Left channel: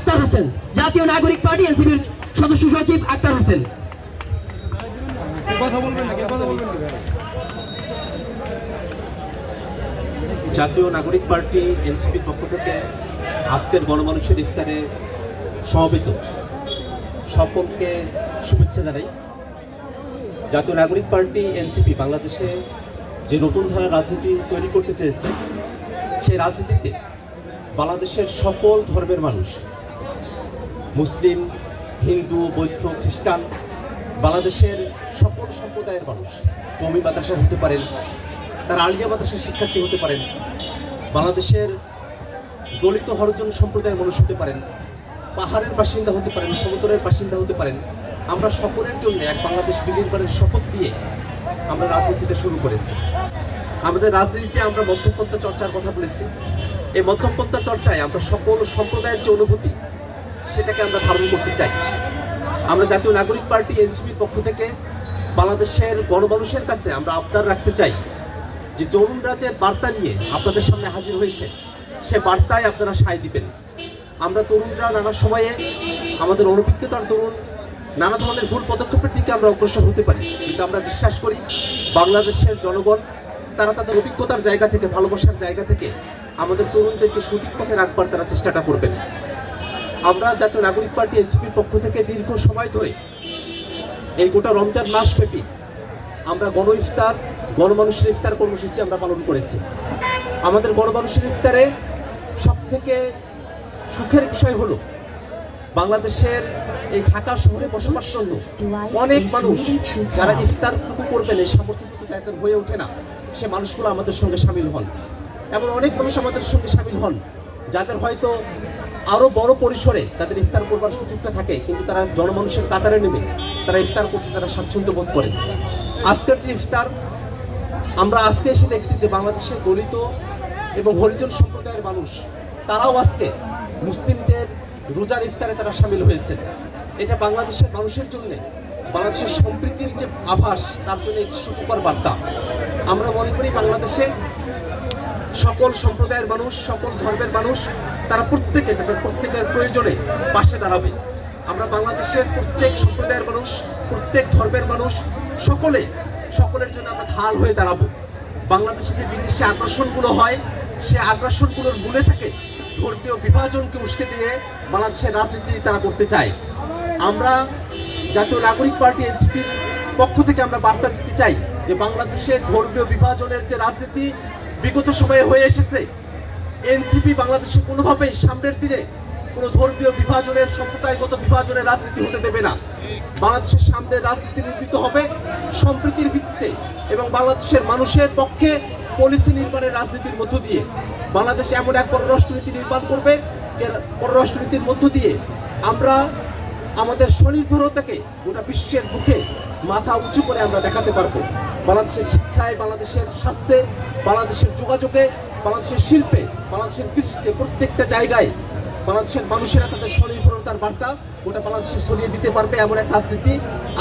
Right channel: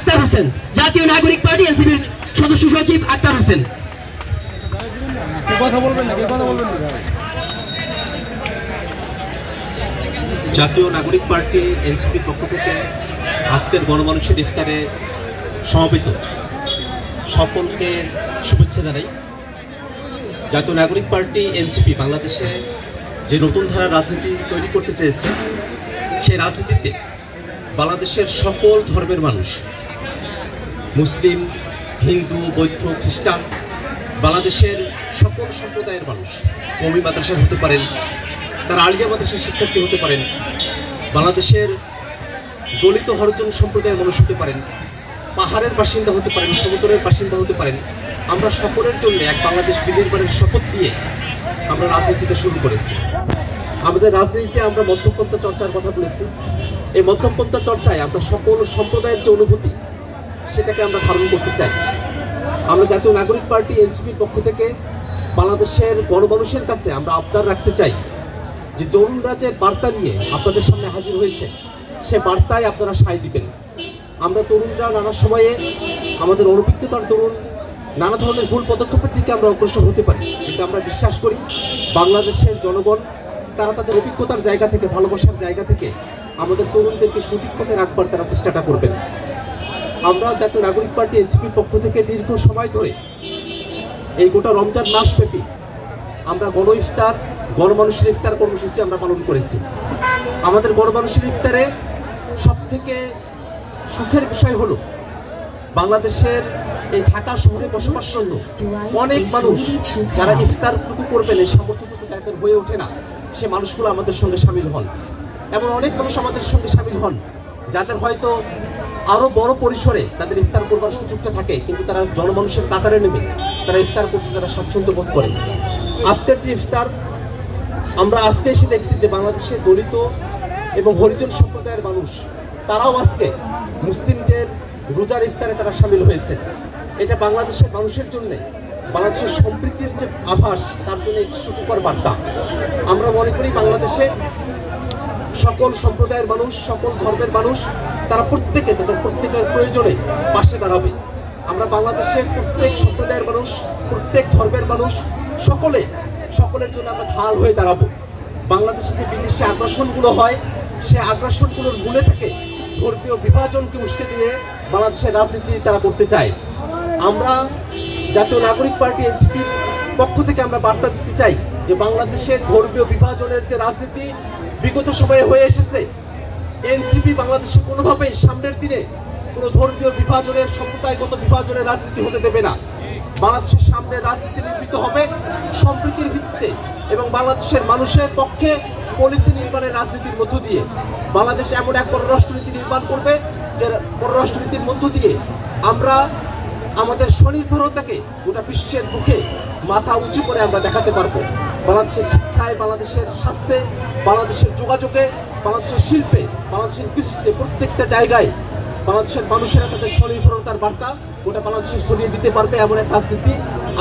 আক্তার হোসেন, জাতীয় নাগরিক পার্টি এনসিপির সদস্য সচিব আক্তার হোসেন। জাতীয় নাগরিক পার্টি এনসিপির পক্ষ থেকে আজকের গণমানুষের ইফতারে সমবেত সকলকে শুভেচ্ছা জানাই। জাতীয় নাগরিক পার্টি এনসিপি বাংলাদেশে যে নতুন ধারা রাজনীতি তৈরি করতে চেয়েছে, সেই রাজনীতিতে বাংলাদেশের সকল ধর্মের মানুষ মুসলিম, হিন্দু, বৌদ্ধ, খ্রিস্টান, বাংলাদেশের সকল সম্প্রদায়ের মানুষ কমি মাদ্রাসা হতে পারেন, তারা আলিয়া মাদ্রাসার শিক্ষার্থী হতে পারেন, বাংলাদেশের দলিত হরজন সম্প্রদায়ের মানুষ হতে পারেন, পাহাড়ের বাসিন্দা হতে পারেন সমুদ্রের বাসিন্দা হতে পারেন। আমরা সকলের জন্য এক বাংলাদেশ বিনির্মাণের শপথ দিয়ে আমরা রাজনীতিটা শুরু করেছি। আমাদের রাজনীতিতে আমরা মধ্যপন্থা চর্চার কথা বলেছি। এই মধ্যপন্থা চর্চায় আমরা সকল সম্প্রদায়ের যে অনুভূতি সেটাকে আমরা ধারণ করতে চাই। আমরা জাতীয় নাগরিক পার্টি, এনসিপির পক্ষ থেকে বাংলাদেশের গণমানুষের কাছে আমরা আবদার রাখতে চাই যে তরুণরা যে বার্তা নিয়ে আপনাদের সামনে হাজির হয়েছে, সে বার্তায় আপনারা সায় দিবেন। আমরা তরুণরা নানা সময়ে আমাদের অনভিজ্ঞতার তরুণ নানা ধরনের ভুল পদক্ষেপের দিকে আমরা অগ্রসর হতে পারি। কিন্তু আমরা বিশ্বাস করি বাংলাদেশের জনগণ, তারা তাদের অভিজ্ঞতার জায়গা থেকে, ভালোবাসার জায়গা থেকে আমাদের তরুণদেরকে সঠিক পথে রাখবার তারা চেষ্টাটা করবেন। আমরা জাতীয় নাগরিক পার্টি এনসিপির পক্ষ থেকে দীর্ঘ সময় ধরে এই গোটা রমজান মাস ব্যাপী আমরা গণ ইফতার গণমানুষের ইফতার কর্মসূচি আমরা পালন করেছি। আমাদের গণমানুষের ইফতারে সব থেকে সুখের বিষয় হলো বাংলাদেশের এই ঢাকা শহরে বসবাস বসবাসরত অনেক মানুষ যারা ইফতারটুকু করবেন এই সামর্থ্যটুকু তাদের হয়ে ওঠে না, সে মানুষগুলো আমাদের সঙ্গে সামিল হন। এমন অনেক মানুষ আমাদের সঙ্গে সামিল হন, যাদের হয়তো আরও বড় পরিসরে তাদের ইফতার করবার সুযোগটা থাকে, কিন্তু তারা জনমানুষের কাতারে নেমে তারা ইফতার করতে তারা স্বাচ্ছন্দ্য বোধ করে। আজকের যে ইফতার, আমরা আজকে এসে দেখছি যে বাংলাদেশের দলিত এবং হরিজন সম্প্রদায়ের মানুষ, তারাও আজকে মুসলিমদের রোজার ইফতারে তারা সামিল হয়েছে। এটা বাংলাদেশের মানুষের জন্য, বাংলাদেশের সম্প্রীতির যে আভাস, তার জন্য একটি সুখকর বার্তা। আমরা মনে করি বাংলাদেশে সকল সম্প্রদায়ের মানুষ, সকল ধর্মের মানুষ তারা প্রত্যেকে, তাদের প্রত্যেকের প্রয়োজনে পাশে দাঁড়াবে। আমরা বাংলাদেশের প্রত্যেক সম্প্রদায়ের মানুষ, প্রত্যেক ধর্মের মানুষ, সকলে, সকলের জন্য আমরা ঢাল হয়ে দাঁড়াবো। বাংলাদেশে যে বিদেশি আগ্রাসনগুলো হয়, সে আগ্রাসনগুলোর মূলে থেকে ধর্মীয় বিভাজনকে উস্কে দিয়ে বাংলাদেশের রাজনীতি তারা করতে চায়। আমরা জাতীয় নাগরিক পার্টি, এনসিপির পক্ষ থেকে আমরা বার্তা দিতে চাই যে বাংলাদেশে ধর্মীয় বিভাজনের যে রাজনীতি বিগত সময়ে হয়ে এসেছে এনসিপি বাংলাদেশে কোনোভাবেই সামনের দিনে কোনো ধর্মীয় বিভাজনের সম্প্রদায়গত বিভাজনের রাজনীতি হতে দেবে না। বাংলাদেশের সামনে রাজনীতি নির্মিত হবে সম্প্রীতির ভিত্তিতে এবং বাংলাদেশের মানুষের পক্ষে পলিসি নির্মাণের রাজনীতির মধ্য দিয়ে। বাংলাদেশ এমন এক পররাষ্ট্রনীতি নির্মাণ করবে যে পররাষ্ট্রনীতির মধ্য দিয়ে আমরা আমাদের স্বনির্ভরতাকে গোটা বিশ্বের মুখে মাথা উঁচু করে আমরা দেখাতে পারব। বাংলাদেশের শিক্ষায়, বাংলাদেশের স্বাস্থ্যে, বাংলাদেশের যোগাযোগে বাংলাদেশের শিল্পে, বাংলাদেশের কৃষিতে প্রত্যেকটা জায়গায় বাংলাদেশের মানুষেরা তাদের স্বনির্ভরতার বার্তা। গোটা বাংলাদেশে ছড়িয়ে দিতে পারবে এমন এক রাজনীতি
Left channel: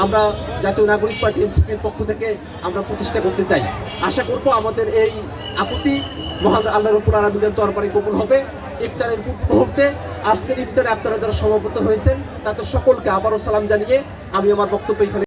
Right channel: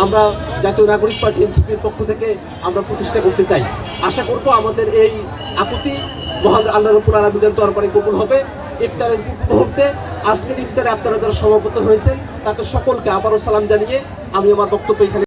আমরা জাতীয় নাগরিক পার্টি এনসিপির পক্ষ থেকে আমরা প্রতিষ্ঠা করতে চাই। আশা করব আমাদের এই আপত্তি মহান আল্লাহর উপর আলমীদের দরবারে কবুল হবে। ইফতারের মুহূর্তে, আজকের ইফতারে আপনারা যারা সমাবেত হয়েছেন, তাদের সকলকে আবারও সালাম জানিয়ে আমি আমার বক্তব্য এখানে